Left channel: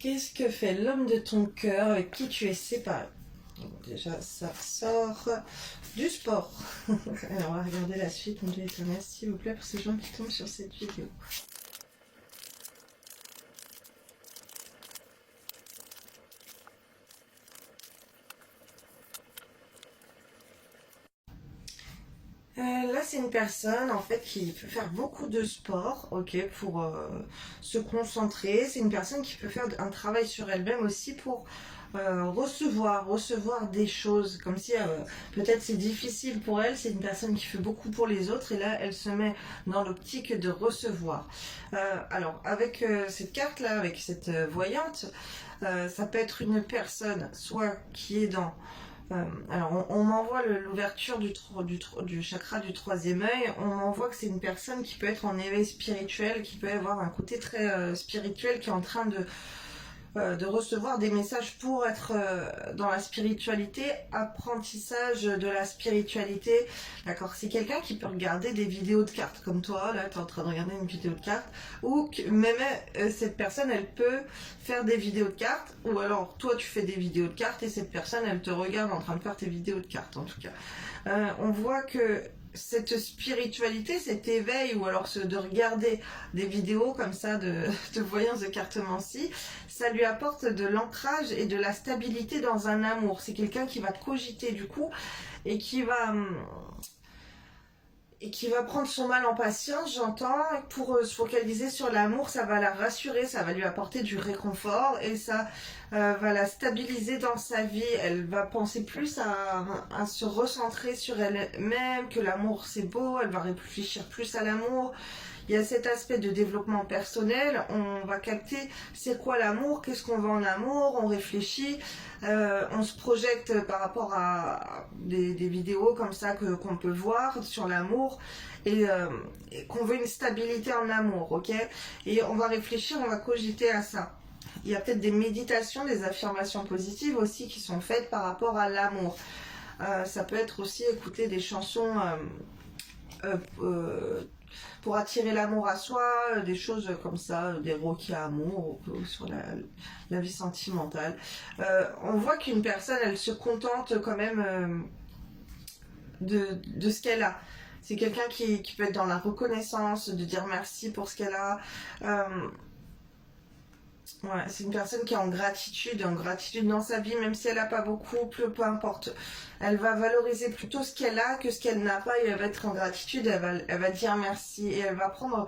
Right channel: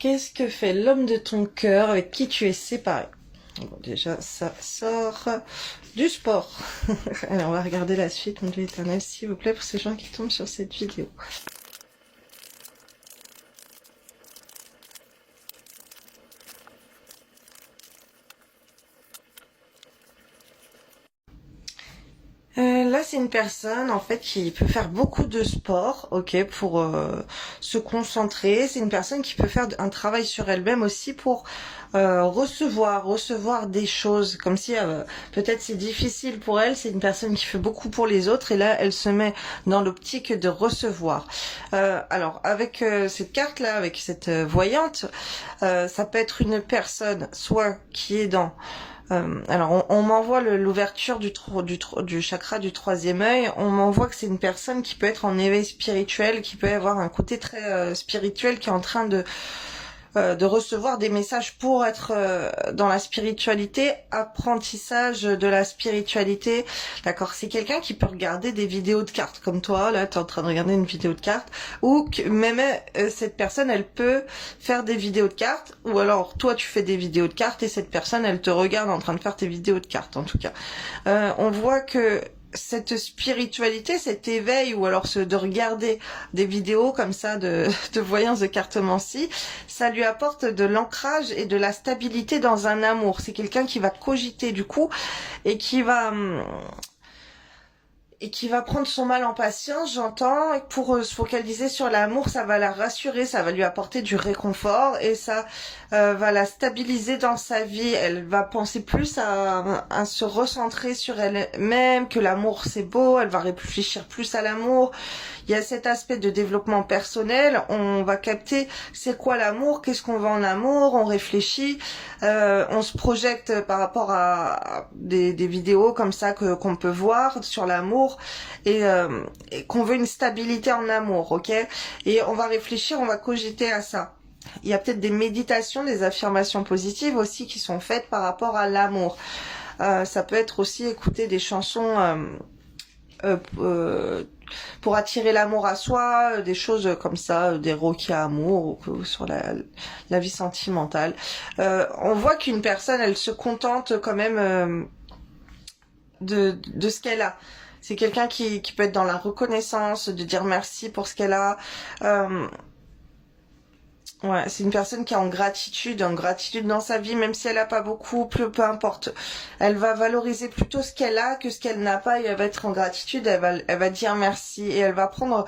Qu'est-ce que fait l'homme de ton cœur avec qui tu es séparé? Bon, déjà, ça sort du sport. Alors, on va regarder la suite, mon Dieu éternel, s'il vous plaît, pour ces gens qui tombent sur cette vidéo. Là, c'est une personne en fait qui peut faire beaucoup de sport, ok, pour se concentrer. C'est une personne qui peut faire un travail sur elle-même aussi pour recevoir des choses, comme si peut-être c'est difficile pour elle. C'est une personne qui fait beaucoup pour les autres et là, elle se met dans l'optique de recevoir. Alors, avec cette carte-là, avec cette voyante, ça peut être une personne soit qui est dans alors, on m'envoie l'ouverture du chakra du troisième œil. On m'envoie que c'est une personne qui peut être en éveil spirituel, qui peut avoir un côté très spirituel, qui est en train de recevoir des messages pour être dans la spiritualité, apprentissage de la spiritualité. D'accord, c'est quelqu'un qui peut regarder des vidéos de cartes comme toi, là tu es en train de regarder une vidéo de cartes, ou que même cette personne elle peut faire des vidéos de cartes, ou alors toi tu fais des vidéos de cartes et cette personne elle te regarde en train de faire tes vidéos de cartes en tout cas. On voit que cette spiritualité, cet éveil, ou alors de regarder des vidéos comme ça de voyance de cartomancie, ça lui apporte de l'ancrage et de la stabilité dans un amour. C'est quelqu'un qui va cogiter du coup et qui va prendre son mal en patience, j'entends, et pour se focaliser sur l'amour, ça va la rassurer, ça va lui apporter du réconfort et ça va la stabiliser dans sa vie. Elle va penser plus à se recentrer sur elle-même, que l'amour c'est beau, elle va réfléchir plus à l'amour. Il y a cet aspect de développement personnel, on va capter c'est quoi l'amour, qu'est-ce qu'on veut en amour, on réfléchit, on se projette par rapport à des vidéos comme ça qu'on peut voir sur l'amour et qu'on veut une stabilité en amour, ok? Et on va réfléchir, on va cogiter à ça. Il y a peut-être des méditations, des affirmations positives aussi qui sont faites par rapport à l'amour. Ça peut être aussi écouter des chansons pour attirer l'amour à soi, des choses comme ça, des requis à amour sur la vie sentimentale. On voit qu'une personne, elle se contente quand même de ce qu'elle a. C'est quelqu'un qui peut être dans la reconnaissance, de dire merci pour ce qu'elle a. Ouais, c'est une personne qui est en gratitude dans sa vie, même si elle a pas beaucoup, peu importe. Elle va valoriser plutôt ce qu'elle a que ce qu'elle n'a pas et elle va être en gratitude, elle va dire merci et elle va prendre...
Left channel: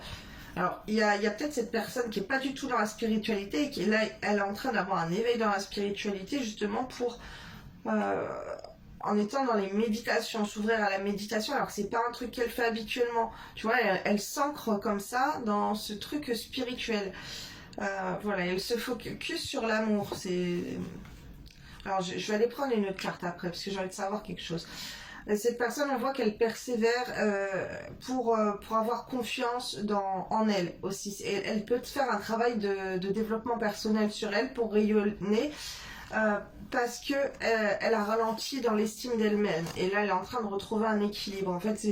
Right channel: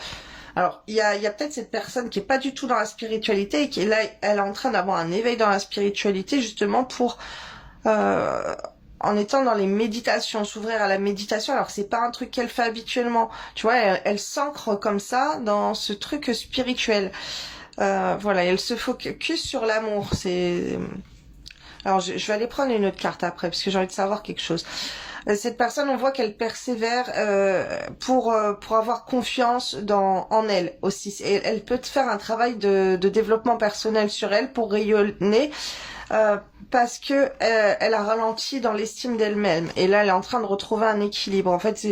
Alors, il y a peut-être cette personne qui est pas du tout dans la spiritualité et qui est là, elle est en train d'avoir un éveil dans la spiritualité justement pour... en étant dans les méditations, s'ouvrir à la méditation, alors que c'est pas un truc qu'elle fait habituellement. Tu vois, elle s'ancre comme ça dans ce truc spirituel. Voilà, elle se focus sur l'amour. Alors, je vais aller prendre une autre carte après, parce que j'ai envie de savoir quelque chose. Cette personne, on voit qu'elle persévère pour avoir confiance en elle aussi. Et elle peut faire un travail de développement personnel sur elle pour rayonner. Parce que elle a ralenti dans l'estime d'elle-même et là elle est en train de retrouver un équilibre. En fait,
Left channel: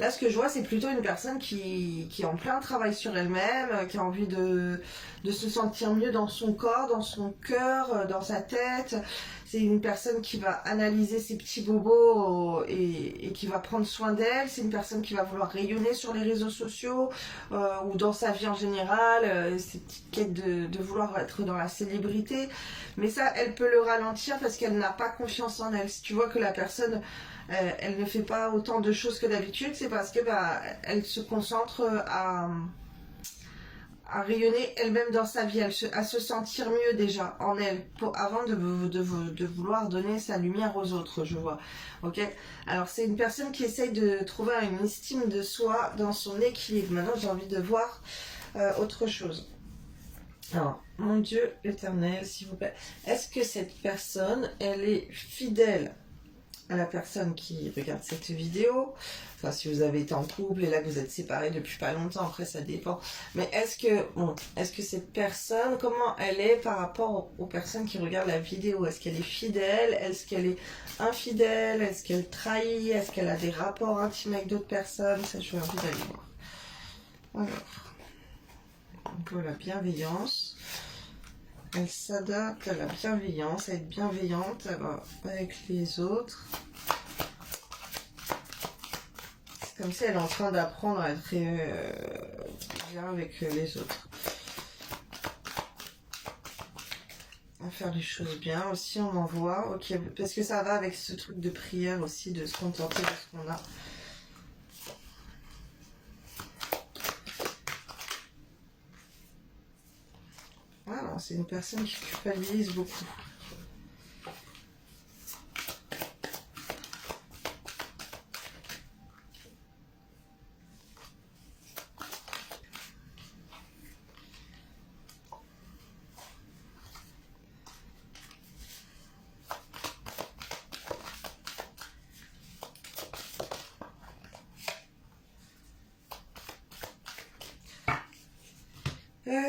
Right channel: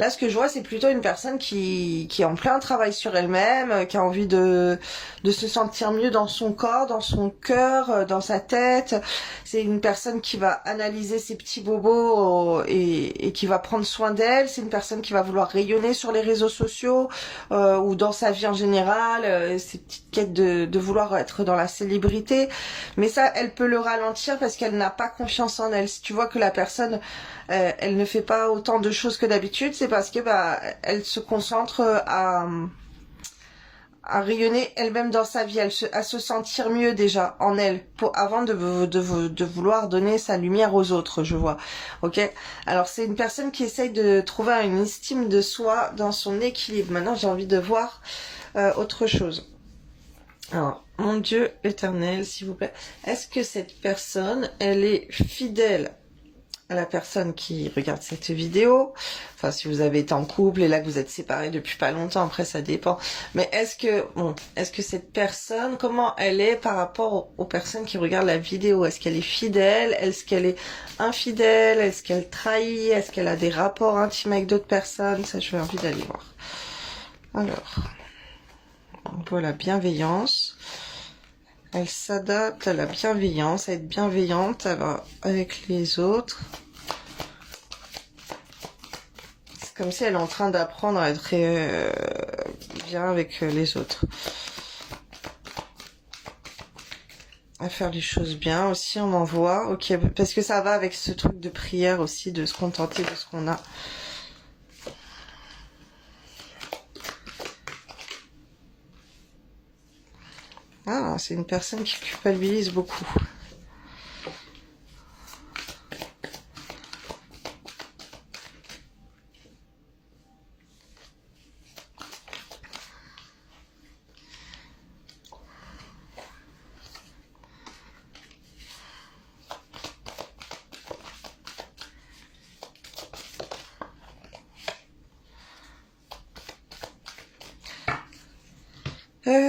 là ce que je vois, c'est plutôt une personne qui est en plein travail sur elle-même, qui a envie de se sentir mieux dans son corps, dans son cœur, dans sa tête. C'est une personne qui va analyser ses petits bobos et qui va prendre soin d'elle. C'est une personne qui va vouloir rayonner sur les réseaux sociaux ou dans sa vie en général, ces petites quêtes de vouloir être dans la célébrité. Mais ça, elle peut le ralentir parce qu'elle n'a pas confiance en elle. Si tu vois que la personne, elle ne fait pas autant de choses que d'habitude, c'est parce que elle se concentre à rayonner elle-même dans sa vie, à se sentir mieux déjà en elle, avant de vouloir donner sa lumière aux autres, je vois. Ok. Alors c'est une personne qui essaye de trouver une estime de soi dans son équilibre. Maintenant, j'ai envie de voir autre chose. Alors, mon Dieu éternel, s'il vous plaît, est-ce que cette personne, elle est fidèle à la personne qui regarde cette vidéo? Enfin, si vous avez été en couple et là que vous êtes séparés depuis pas longtemps, après ça dépend. Mais est-ce que cette personne, comment elle est par rapport aux personnes qui regardent la vidéo? Est-ce qu'elle est fidèle? Est-ce qu'elle est infidèle? Est-ce qu'elle trahit? Est-ce qu'elle a des rapports intimes avec d'autres personnes? Ça, j'ai envie d'aller voir. Alors... voilà, bienveillance. Elle s'adapte à la bienveillance, à être bienveillante avec les autres. C'est comme si elle est en train d'apprendre à être bien avec les autres. À faire les choses bien aussi, on en voit. Ok, parce que ça va avec ce truc de prière aussi, de se contenter de ce qu'on a. Ah, c'est une personne qui culpabilise beaucoup.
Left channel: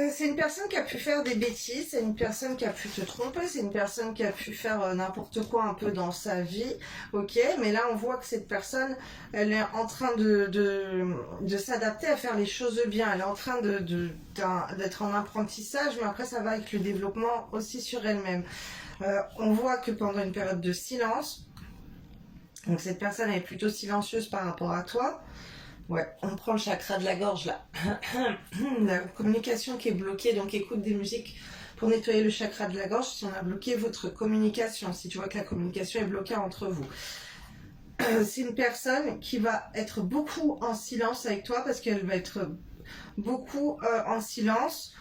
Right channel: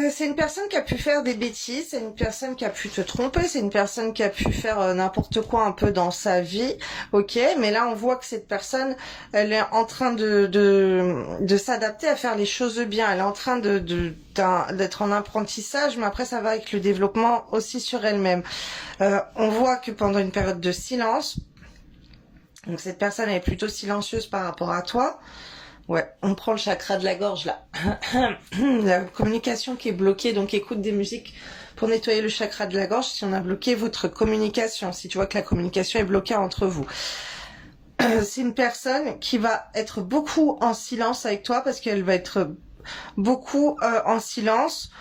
C'est une personne qui a pu faire des bêtises, c'est une personne qui a pu te tromper, c'est une personne qui a pu faire n'importe quoi un peu dans sa vie, ok, mais là on voit que cette personne, elle est en train de s'adapter à faire les choses bien, elle est en train d'être en apprentissage, mais après ça va avec le développement aussi sur elle-même. On voit que pendant une période de silence, donc cette personne elle est plutôt silencieuse par rapport à toi. Ouais, on prend le chakra de la gorge là. La communication qui est bloquée, donc écoute des musiques pour nettoyer le chakra de la gorge si on a bloqué votre communication, si tu vois que la communication est bloquée entre vous. C'est une personne qui va être beaucoup en silence avec toi parce qu'elle va être beaucoup en silence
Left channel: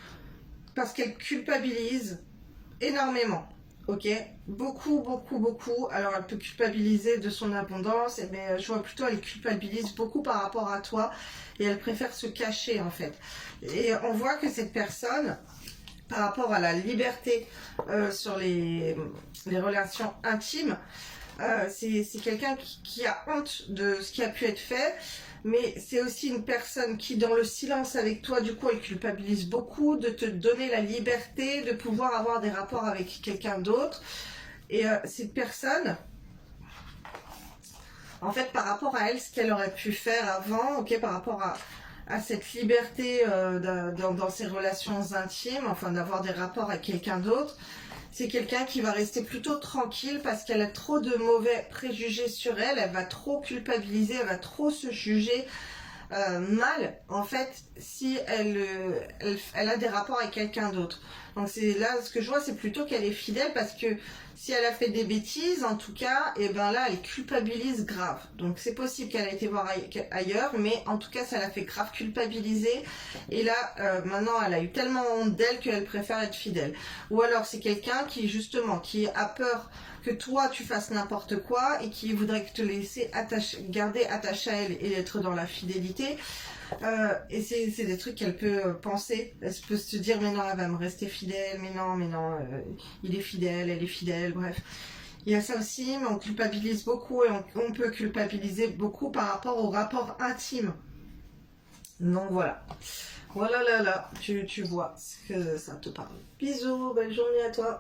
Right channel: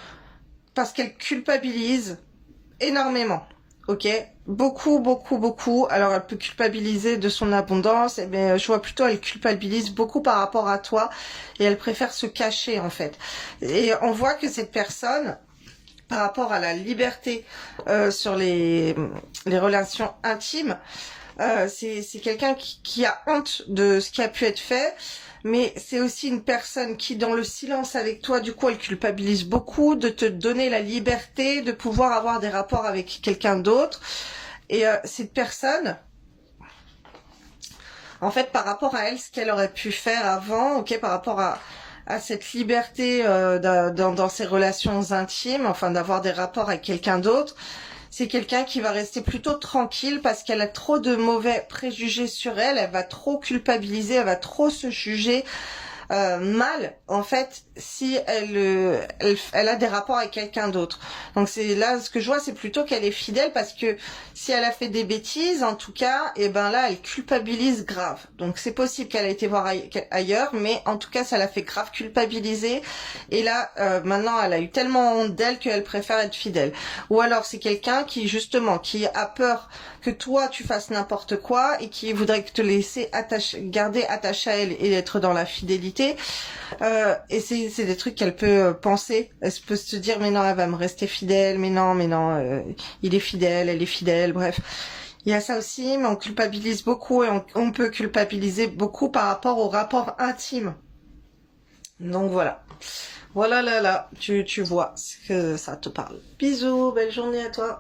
parce qu'elle culpabilise énormément. Ok, beaucoup, beaucoup, beaucoup. Alors, elle peut culpabiliser de son abondance, mais je vois plutôt elle culpabilise beaucoup par rapport à toi et elle préfère se cacher en fait. Et on voit que cette personne, par rapport à la liberté sur les relations intimes, c'est quelqu'un qui a honte de ce qui a pu être fait. Mais c'est aussi une personne qui, dans le silence avec toi, du coup, elle culpabilise beaucoup de te donner la liberté de pouvoir avoir des rapports avec quelqu'un d'autre. Et cette personne, en fait, par rapport à elle, ce qu'elle aurait pu faire avant, ok, par rapport à cette liberté dans ses relations intimes, enfin d'avoir des rapports avec quelqu'un d'autre, c'est quelqu'un qui va rester plutôt tranquille parce qu'elle a trop de mauvais préjugés sur elle, elle va trop culpabiliser, elle va trop se juger mal en fait si elle a des rapports avec quelqu'un d'autre. Donc c'est là ce que je vois, c'est plutôt qu'elle est fidèle parce que si elle a fait des bêtises en tout cas, et ben là elle culpabilise grave. Donc c'est possible qu'elle ait été voir ailleurs, mais en tout cas ça l'a fait grave culpabiliser et là maintenant elle a eu tellement honte d'elle qu'elle préfère être fidèle. Ou alors c'est quelqu'un qui justement qui a peur que toi tu fasses n'importe quoi et qui voudrait te laisser garder attaché à elle et être dans la fidélité. Et c'est des trucs qu'elle peut penser. Elle peut se dire mais non, elle va me rester fidèle, mais non, il est fidèle, elle est fidèle, bref. Il y a ça aussi, mais on culpabilise beaucoup et on peut culpabiliser beaucoup par rapport au rapport intime. Donc voilà. Voilà là, tu vois ce que ça te parle. Bisous, belle journée à toi.